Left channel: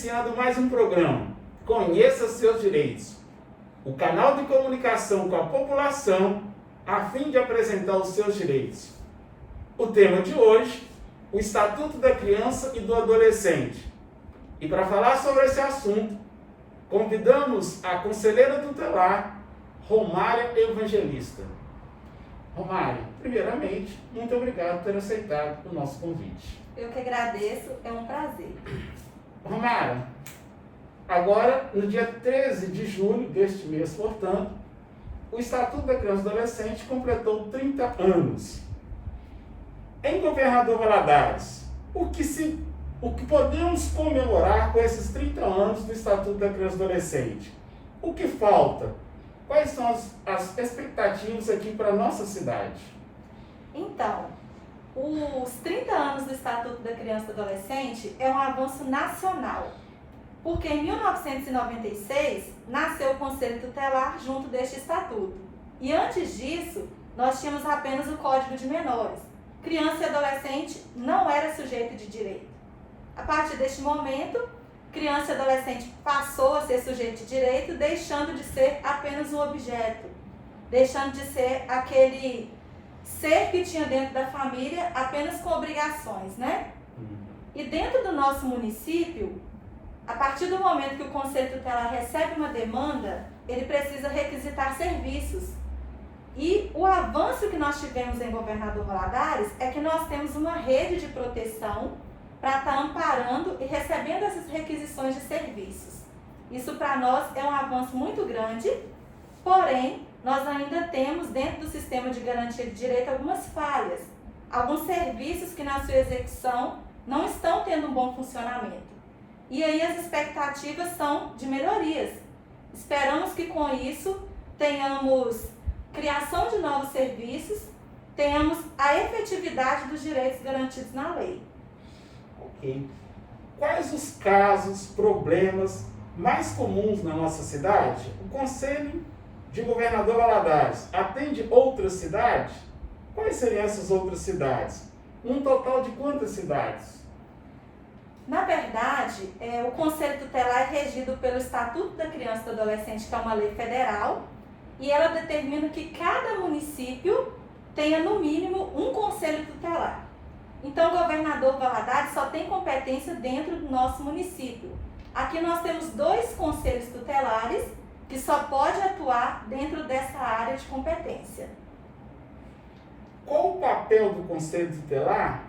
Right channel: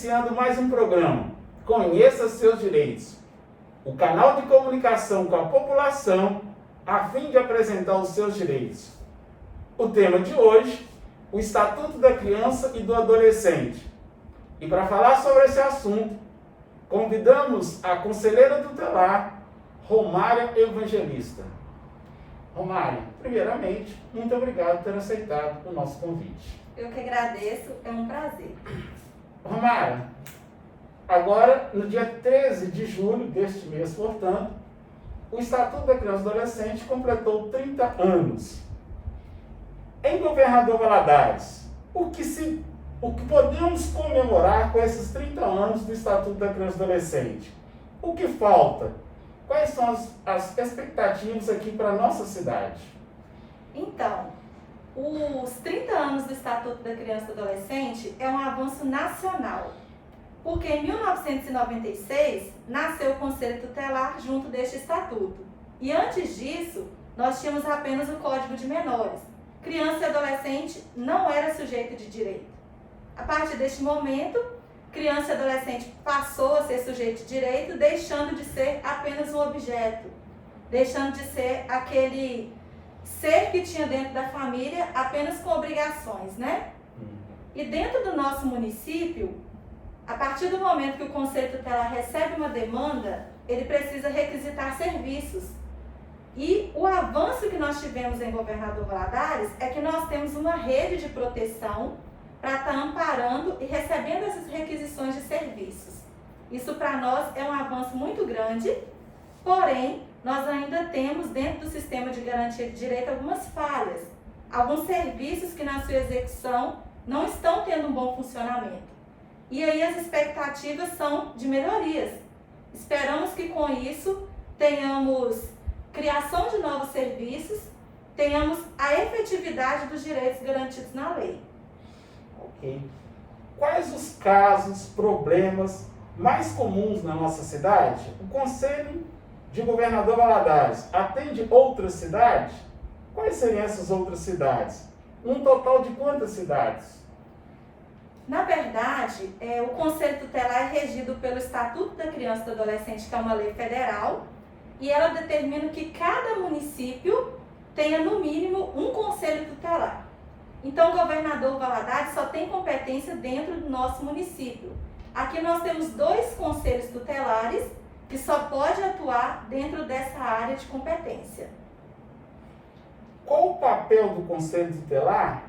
iniciando mais um programa, Conheça Seus Direitos, o canal de comunicação com a população a fim de apresentar os seus direitos. O tema de hoje, o Estatuto da Criança e do Adolescente. E para falar sobre esse assunto, convidamos a conselheira tutelar, Romária Evangelista. Romária, primeiramente, muito obrigado por ter aceitado o nosso convite. Eu que agradeço, é um prazer. Romária, agora, no dia 13 de julho deste mês, portanto, o Estatuto da Criança e do Adolescente completou 30 anos. Em Governador Valadares, o que podemos comemorar com esses 30 anos do Estatuto da Criança e do Adolescente? O que falta? Quais são as expectativas aqui para a nossa cidade? Então, os 30 anos do Estatuto da Criança e do Adolescente é um avanço nacional, porque em 1996 nasceu o Conselho Tutelar junto deste Estatuto. E antes disso, nós tínhamos apenas o Código de Menores. Criança e adolescente não era sujeito de direito. A partir deste momento, criança e adolescente passou a ser sujeito de direito, deixando de ser apenas um objeto, deixando de ser aquele ser que tinha dentro da família apenas com obrigações, né? E dentro do nosso município, a partir do momento que o Conselho Tutelar recebe uma demanda, ele precisa requisitar serviços. E o avanço que nós tivemos em Governador Valadares é que nós temos uma rede de proteção para estar amparando e recebendo essas requisições de serviços. Isso para nós é um avanço muito grande, porém, nós ainda temos dentro do sistema de garantia de direito algumas falhas, alguns serviços que na sua execução não estão tendo um bom funcionamento. E aí as expectativas são de melhorias. Esperamos que com isso tenhamos criação de novos serviços, tenhamos a efetividade dos direitos garantidos na lei. Ok. Quais os casos, problemas mais comuns na nossa cidade? O Conselho de Governador Valadares atende outras cidades? Quais seriam essas outras cidades? Um total de quantas cidades? Na verdade, o Conselho Tutelar é regido pelo Estatuto da Criança e do Adolescente, que é uma lei federal, e ela determina que cada município tenha, no mínimo, um Conselho Tutelar. Então, o Governador Valadares só tem competência dentro do nosso município. Aqui nós temos 2 Conselhos Tutelares que só pode atuar dentro dessa área de competência. Qual o papel do Conselho Tutelar?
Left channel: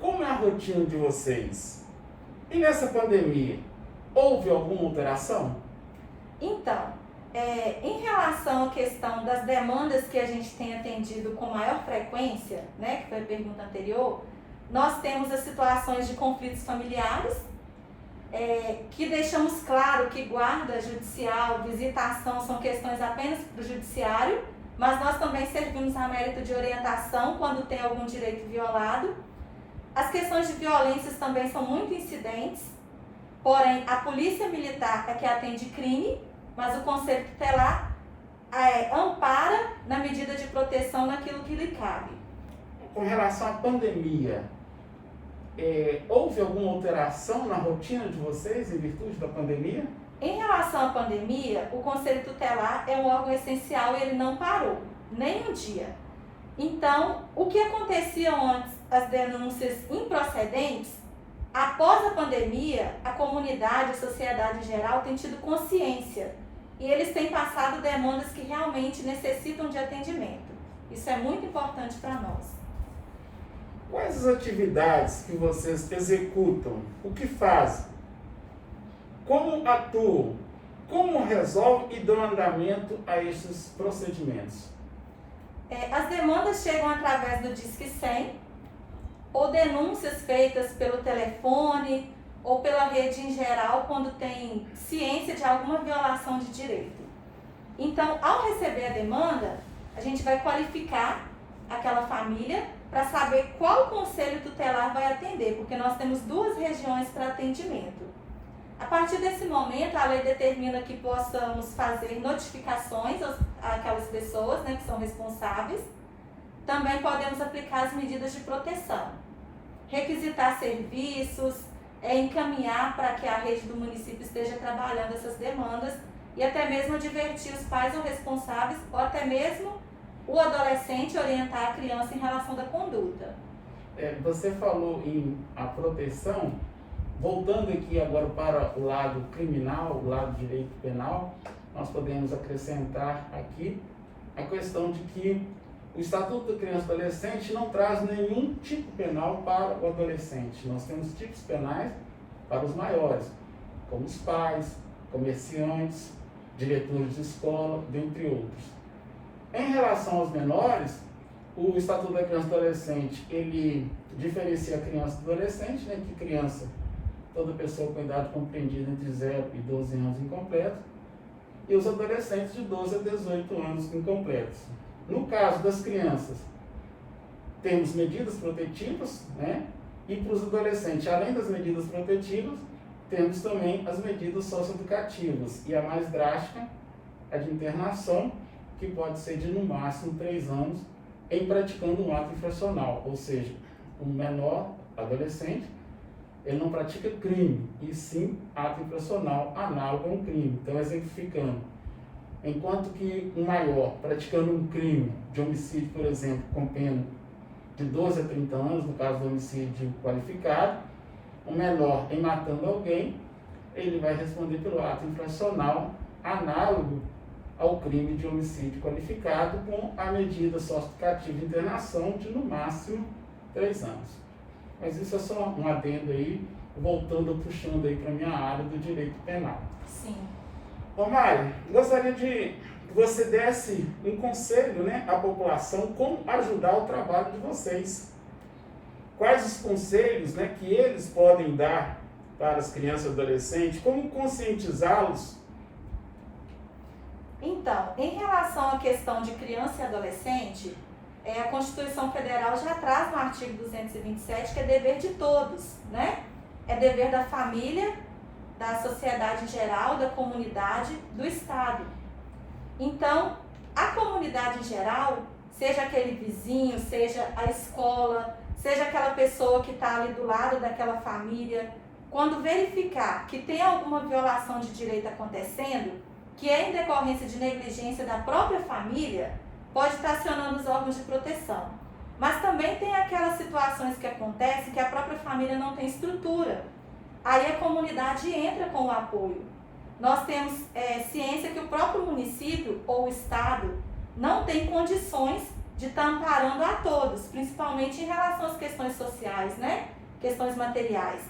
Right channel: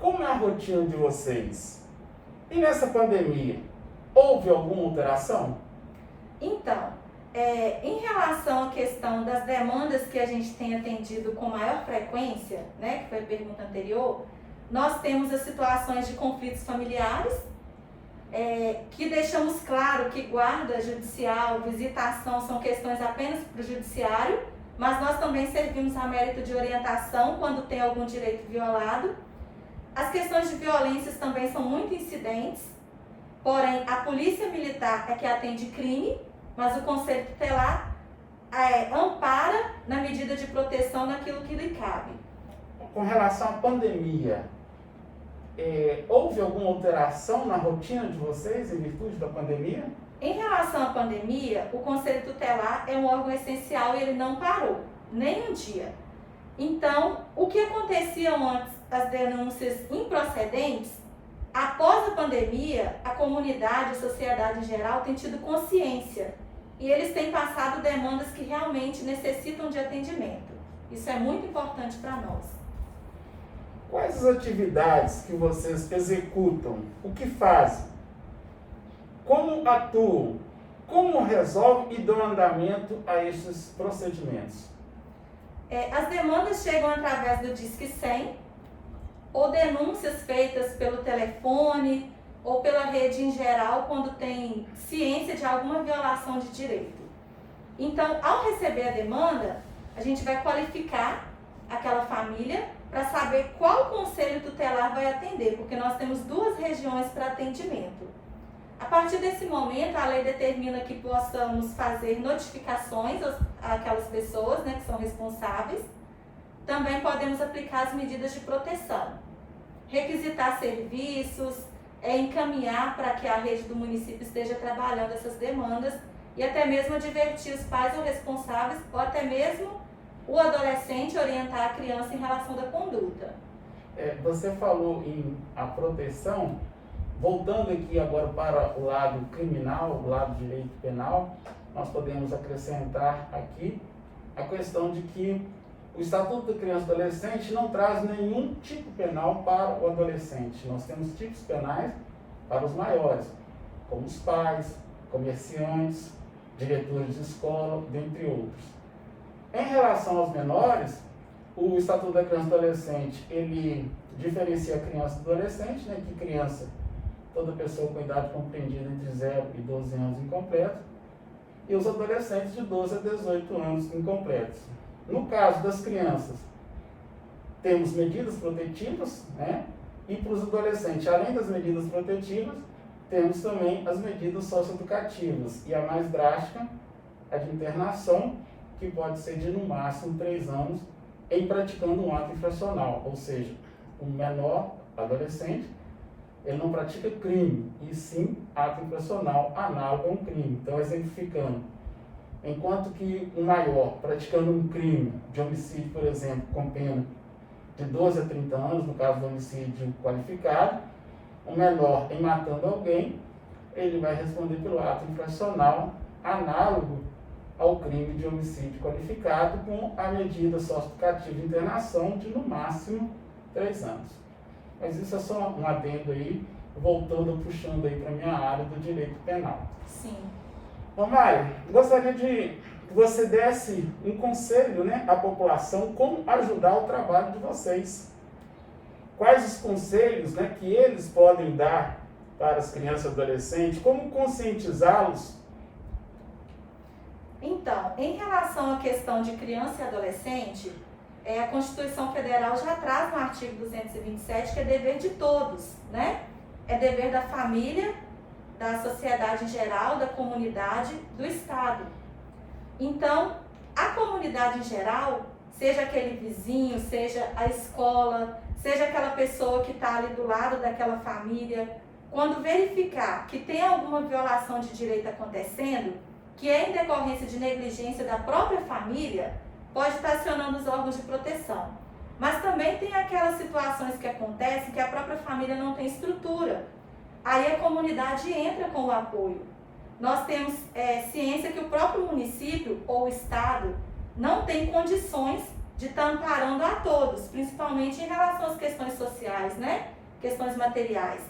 Como é a rotina de vocês? E nessa pandemia, houve alguma alteração? Então, em relação à questão das demandas que a gente tem atendido com maior frequência, né, que foi a pergunta anterior, nós temos as situações de conflitos familiares, que deixamos claro que guarda judicial, visitação são questões apenas para o judiciário, mas nós também servimos a mérito de orientação quando tem algum direito violado. As questões de violências também são muito incidentes, porém a Polícia Militar é que atende crime, mas o Conselho Tutelar ampara na medida de proteção naquilo que lhe cabe. Com relação à pandemia, houve alguma alteração na rotina de vocês em virtude da pandemia? Em relação à pandemia, o Conselho Tutelar é um órgão essencial e ele não parou, nem um dia. Então, o que acontecia antes, as denúncias improcedentes, após a pandemia, a comunidade, a sociedade em geral tem tido consciência e eles têm passado demandas que realmente necessitam de atendimento. Isso é muito importante para nós. Quais as atividades que vocês executam? O que fazem? Como atuam? Como resolvem e dão andamento a esses procedimentos? As demandas chegam através do Disque 100 ou denúncias feitas pelo telefone ou pela rede em geral quando tem ciência de alguma violação de direito. Então, ao receber a demanda, a gente vai qualificar aquela família para saber qual conselho tutelar vai atender, porque nós temos 2 regiões para atendimento. A partir desse momento, a lei determina que possamos fazer notificações àquelas pessoas, né, que são responsáveis. Também podemos aplicar as medidas de proteção, requisitar serviços, encaminhar para que a rede do município esteja trabalhando essas demandas e até mesmo advertir os pais ou responsáveis, ou até mesmo o adolescente orientar a criança em relação da conduta. Você falou em a proteção, voltando aqui agora para o lado criminal, o lado direito penal, nós podemos acrescentar aqui a questão de que o Estatuto da Criança e do Adolescente não traz nenhum tipo penal para o adolescente. Nós temos tipos penais para os maiores, como os pais, comerciantes, diretores de escola, dentre outros. Em relação aos menores, o Estatuto da Criança e do Adolescente, ele diferencia a criança do adolescente, né, que criança, toda pessoa com idade compreendida entre 0 e 12 anos incompletos, e os adolescentes de 12 a 18 anos incompletos. No caso das crianças, temos medidas protetivas, né? E para os adolescentes, além das medidas protetivas, temos também as medidas socioeducativas. E a mais drástica, a de internação, que pode ser de no máximo 3 anos, em praticando um ato infracional. Ou seja, o menor, adolescente, ele não pratica crime, e sim ato infracional análogo a um crime. Então, exemplificando, enquanto que o maior, praticando um crime de homicídio, por exemplo, com pena de 12 a 30 anos, no caso do homicídio qualificado, o menor, em matando alguém, ele vai responder pelo ato infracional análogo ao crime de homicídio qualificado, com a medida socioeducativa de internação de, no máximo, 3 anos. Mas isso é só um adendo aí, voltando, puxando aí para a minha área do direito penal. Sim. Romário, gostaria de que você desse um conselho, né, à população, como ajudar o trabalho de vocês. Quais os conselhos, né, que eles podem dar para as crianças e adolescentes, como conscientizá-los? Então, em relação à questão de criança e adolescente, a Constituição Federal já traz no artigo 227 que é dever de todos, né? É dever da família, da sociedade em geral, da comunidade, do Estado. Então, a comunidade em geral, seja aquele vizinho, seja a escola, seja aquela pessoa que está ali do lado daquela família, quando verificar que tem alguma violação de direito acontecendo, que é em decorrência de negligência da própria família, pode estar acionando os órgãos de proteção. Mas também tem aquelas situações que acontecem que a própria família não tem estrutura. Aí a comunidade entra com o apoio. Nós temos ciência que o próprio município ou o Estado não tem condições de estar amparando a todos, principalmente em relação às questões sociais, né? Questões materiais.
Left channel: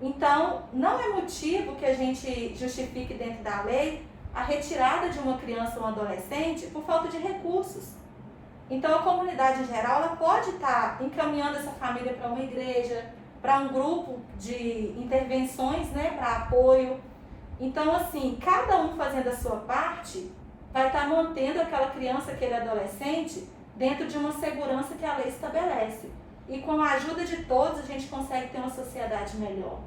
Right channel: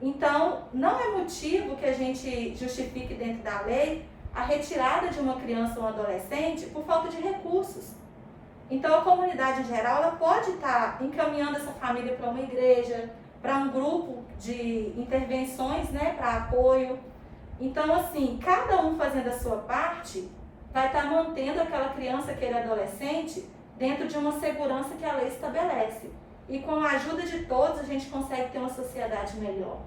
Então, não é motivo que a gente justifique dentro da lei a retirada de uma criança ou um adolescente por falta de recursos. Então, a comunidade em geral, ela pode estar encaminhando essa família para uma igreja, para um grupo de intervenções, né, para apoio. Então, assim, cada um fazendo a sua parte, vai estar mantendo aquela criança, aquele adolescente, dentro de uma segurança que a lei estabelece. E com a ajuda de todos, a gente consegue ter uma sociedade melhor.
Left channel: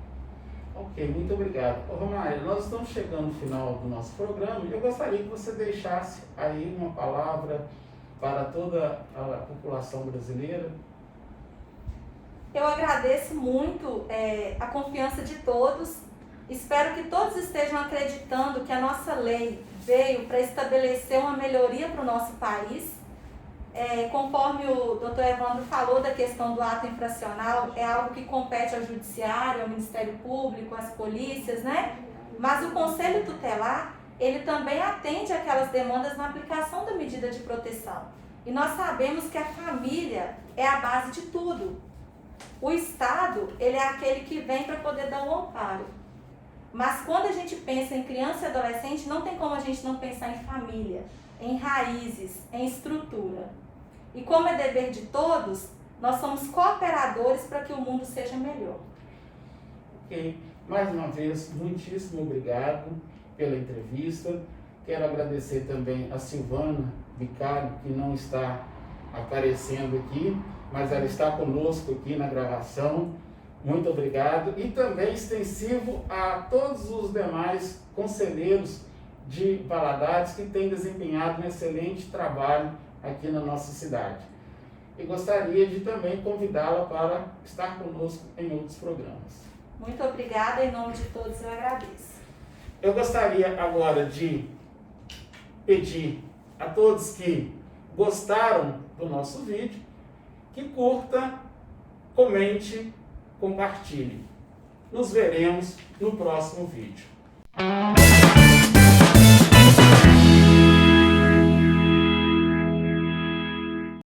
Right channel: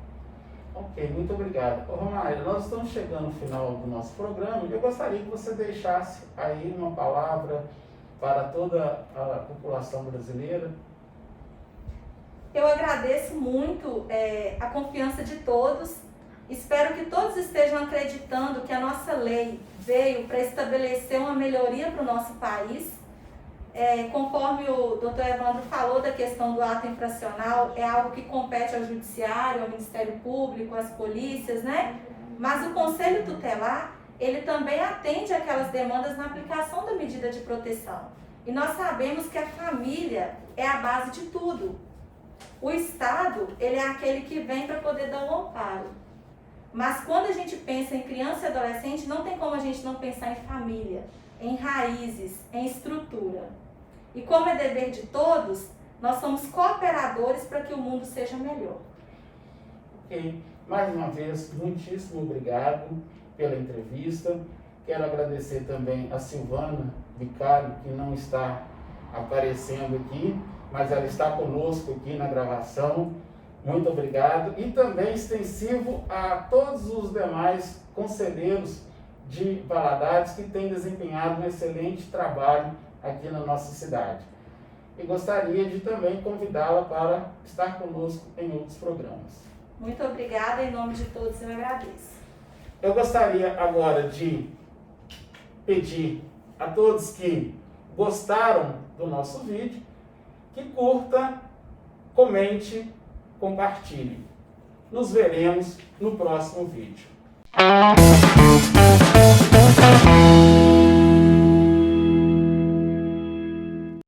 Ok, muito obrigado. Romário, nós estamos chegando no final do nosso programa e eu gostaria que você deixasse aí uma palavra para toda a população brasileira. Eu agradeço muito a confiança de todos. Espero que todos estejam acreditando que a nossa lei veio para estabelecer uma melhoria para o nosso país. Conforme o doutor Evandro falou da questão do ato infracional, é algo que compete ao Judiciário, ao Ministério Público, às polícias, né? Mas o Conselho Tutelar, ele também atende aquelas demandas na aplicação da medida de proteção. E nós sabemos que a família é a base de tudo. O Estado, ele é aquele que vem para poder dar o amparo. Mas quando a gente pensa em criança e adolescente, não tem como a gente não pensar em família, em raízes, em estrutura. E como é dever de todos, nós somos cooperadores para que o mundo seja melhor. Ok. Mais uma vez, muitíssimo obrigado pela entrevista. Quero agradecer também a Silvana Vicário, que não está aparecendo aqui, mas ela está conosco aqui na gravação. Muito obrigado. E também extensivo a todos os demais conselheiros de Valadares que têm desempenhado um excelente trabalho aqui na nossa cidade. E gostaria de também convidá-la para estar conosco em outros programas. Muito obrigada, em nome de todos eu agradeço. Eu gostaria agora de pedir a todos que gostaram do nosso vídeo, que curta, comente, compartilhe. Nos veremos no próximo vídeo.